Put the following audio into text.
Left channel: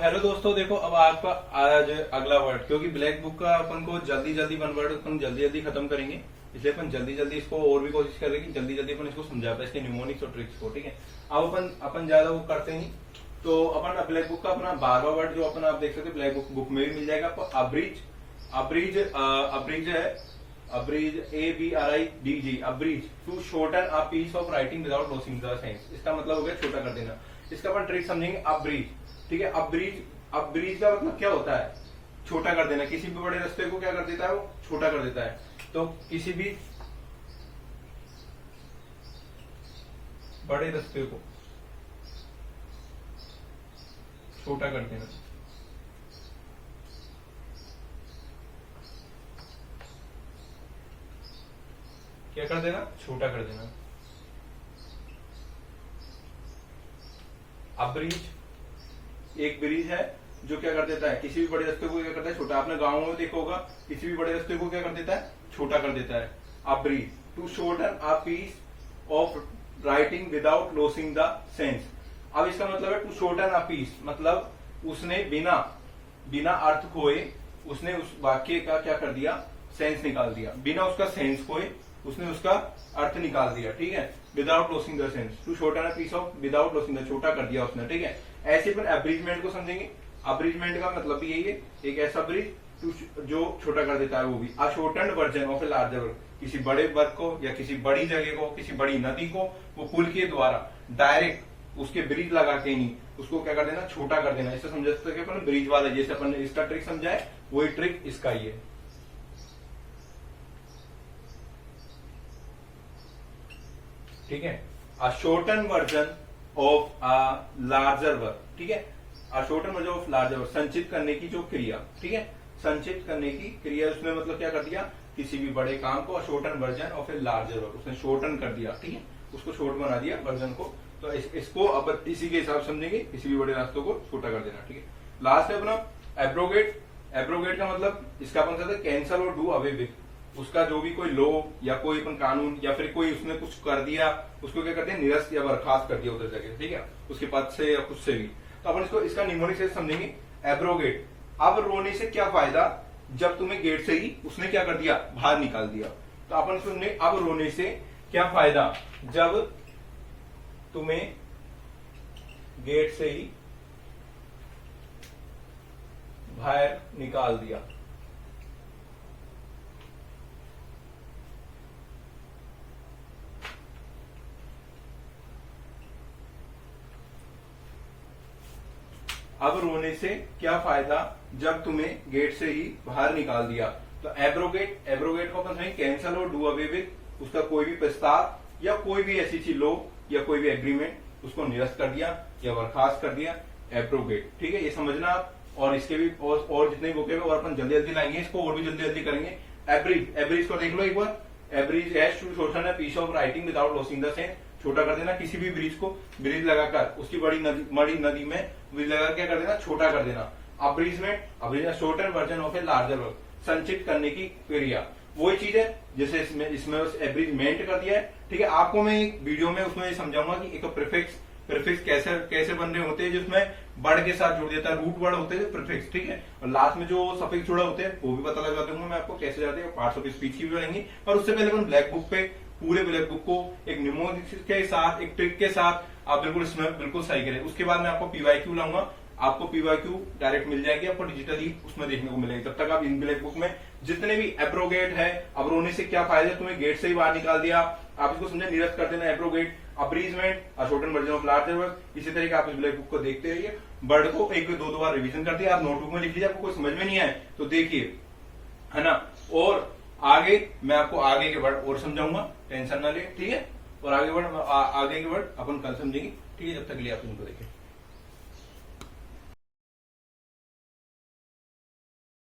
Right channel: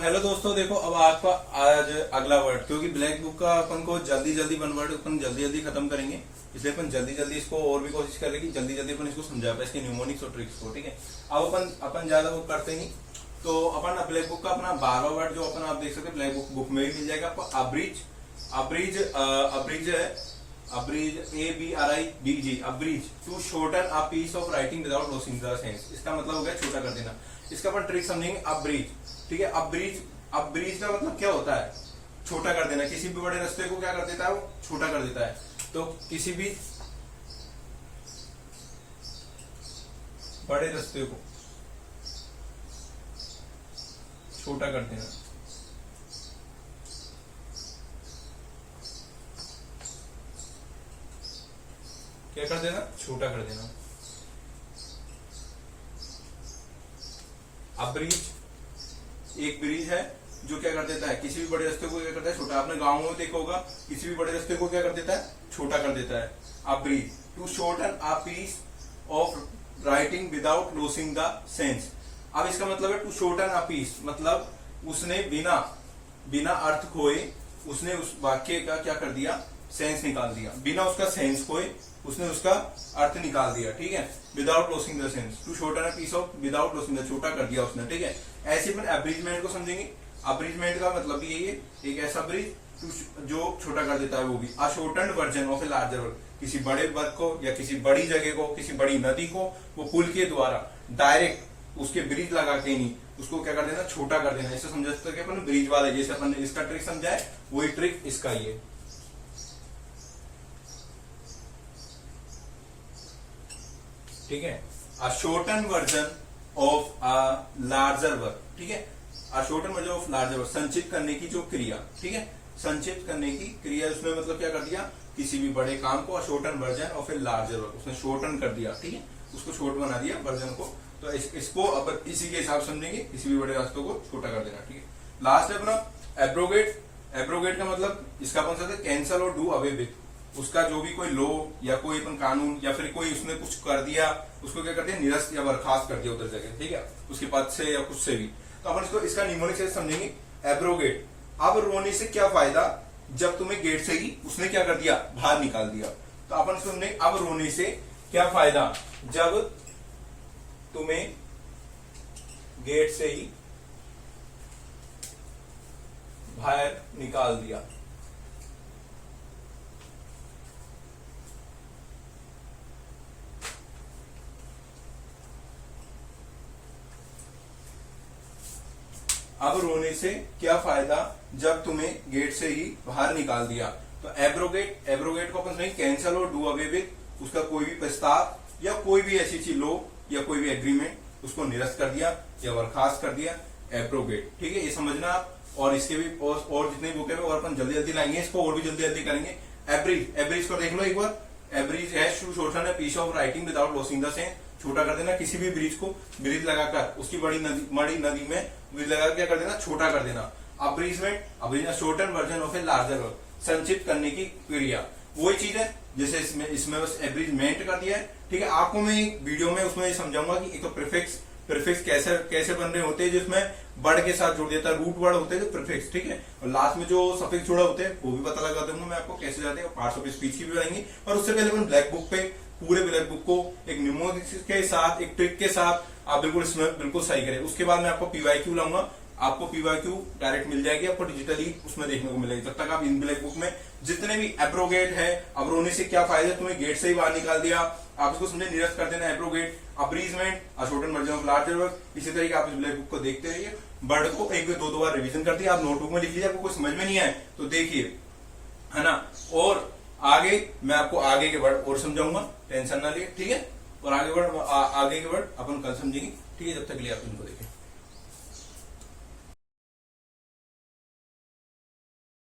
Hello दोस्तों, देखो अब आपका आज अगला वर्ड, क्योंकि ब्लैक बुक का अपन को जल्दी जल्दी वन वर्ड अपन जल्दी जल्दी खत्म करेंगे, इसलिए अपन जल्दी जल्दी इसको और भी कोशिश करेंगे कि जल्दी जल्दी अपन इसको समझा पाए, इसके न्यूमोनिक्स और ट्रिक्स को। ठीक है, अब अपन ज्यादा वो करते नहीं, तो अपन ब्लैक बुक का अपना 12वां वर्ड जो अपन आप देख सकते हैं ब्लैक बुक में भी मिल जाएगा आपको। अब्रीज, अब्रीज है, abridge ABRIDG, abridge to shorten a piece of writing without losing the sense. इसका मतलब हो गया छोटा कर देना। इसका अपन ट्रिक समझेंगे अब्रीज। ठीक है, अब्रीज का मतलब क्या होता है? छोटा कर देना। किसी भी बड़े रास्ते को क्या कर देता है? वो छोटा कर देता है। तो किसी भी बड़े रास्ते को छोटा कर देना। क्या कर देना? छोटा कर देना। अब ब्रिज एक ब्रिज है जो क्या कर देता है? किसी भी बड़े रास्ते को क्या करता है? छोटा। आपने गांव में देखा होगा, किसी भी बड़े रास्ते को क्या कर देता है? छोटा कर देता है। अब bridge to shorten a piece of writing without losing the sense. अब इसका मतलब है टू शॉर्टन अ पीस, मतलब उसने बिना अर्थ खोए उसने उस वाक्य का क्या कर दिया? सेंस निकाल दिया। बिना उसका सेंस खोए उसने उसका अर्थ निकाल दिया। ठीक है, without losing the sense, to shorten a piece of without losing the, छोटा कर दिया उसने। ठीक है, ऐसे फिर अब्रीजमेंट को समझेंगे। अब्रीजमेंट का मतलब भी यही है, एक ऐसा ब्रिज जो छोटा कर देता है, वो भी a shortened version of a larger work. किसी बड़े वर्क को या किसी बड़ी जगह को, किसी बड़ी नदी को वो पुल के द्वारा डायरेक्ट उसके ब्रिज लगा के नहीं उसको क्या कर देना? छोटा कर देना। इसे समझ सकते हैं अपन ब्रिज वाले, जैसे अपन ने इसका ट्रिक समझा है वही ट्रिक इसका ही है। ठीक है, a shorten version of a larger work. ठीक है, a shorten version of larger work, संचित करने की जो क्रिया। ठीक है, संचित करने की क्रिया, उसमें मतलब क्या कर दिया? किसी भी बड़े काम को a shorten version of a larger work, उसने शॉर्टन कर दिया। ठीक है, उसको शॉर्ट बना दिया वर्जन को। तो इसको अब इसी के हिसाब समझेंगे, किसी भी बड़े रास्तों को छोटा कर देना। ठीक है, लास्ट है अपना एब्रोगेट। एब्रोगेट का मतलब इसका अपन कहते हैं कैंसल और डू अवे विथ। उसका जो भी कोई लॉ या कोई अपन कानून या फिर कोई उसने कुछ कर दिया, उसको क्या करते हैं? निरस्त या बर्खास्त कर दिया उधर जगह। ठीक है, उसके पद से या कुछ से भी। तो अपन इसको इसका निमोनिक से समझेंगे एब्रोगेट। अब रोने से क्या फायदा जब तुम्हें गेट से ही उसने क्या कर दिया? बाहर निकाल दिया। तो अपन सुनने अब रोने से क्या फायदा जब तुम्हें गेट से ही बाहर निकाल दिया। अब रोने से क्या फायदा जब तुम्हें गेट से ही बाहर निकाल दिया। तो एब्रोगेट, एब्रोगेट को अपन नहीं कैंसल और डू अवे विथ, उसका कोई भी प्रस्ताव या कोई भी ऐसी चीज लो या कोई भी एग्रीमेंट उसको निरस्त कर दिया या बर्खास्त कर दिया, एब्रोगेट। ठीक है, ये समझना आप। और इसके भी और जितने बुक है और अपन जल्दी जल्दी लाएंगे, इसको और भी जल्दी जल्दी करेंगे। एब्रिज, एब्रिज को देख लो एक बार। Abridge has to shorten a piece of writing without losing the sense, छोटा कर देना। किसी भी ब्रिज को ब्रिज लगाकर उसकी बड़ी नदी में ब्रिज लगाकर क्या कर देना? छोटा कर देना। Abridgement, abridgement shorten version of a larger work, संचित करने की क्रिया। वही चीज है जैसे इसमें बस एब्रीजमेंट कर दिया है। ठीक है, आपको मैं एक वीडियो में उसमें समझाऊंगा कि एक तो प्रीफिक्स कैसे बन रहे होते हैं, जिसमें वर्ड के साथ जोड़ देता है, रूट वर्ड होते हैं प्रीफिक्स। ठीक है, और लास्ट में जो सफिक्स जुड़ा होते हैं वो भी पता लगा दूंगा मैं आपको कैसे जाते हैं। पार्ट्स ऑफ स्पीच की भी बनाएंगे। और उससे पहले अपन ब्लैक बुक पे पूरे ब्लैक बुक को एक निमोनिक्स के साथ, एक ट्रिक के साथ आप बिल्कुल इसमें बिल्कुल सही करें। उसके बाद मैं आपको पीवाईक्यू लाऊंगा, आपको पीवाईक्यू डायरेक्ट मिल जाएगी, आपको डिजिटली उसमें देखने को मिलेगी। तब तक आप इन ब्लैक बुक में जितने भी एब्रोगेट है, अब रोने से क्या फायदा, तुम्हें गेट से ही बाहर निकाल दिया, आप इसको समझे, निरस्त कर देना abrogate, abridgement, a shorten version of larger work. इसी तरीके आप इस ब्लैक बुक को देखते रहिए। वर्ड को एक दो बार रिवीजन कर दिया, आप नोटबुक में लिख लीजिए। आपको कोई समझ में नहीं आए तो देखिए, है ना। और आगे मैं आपको आगे के वर्ड और समझाऊंगा, टेंशन ना लिए। ठीक है, और आगे के वर्ड अपन कल समझेंगे। ठीक है, जब तक के लिए आप इनको देखें।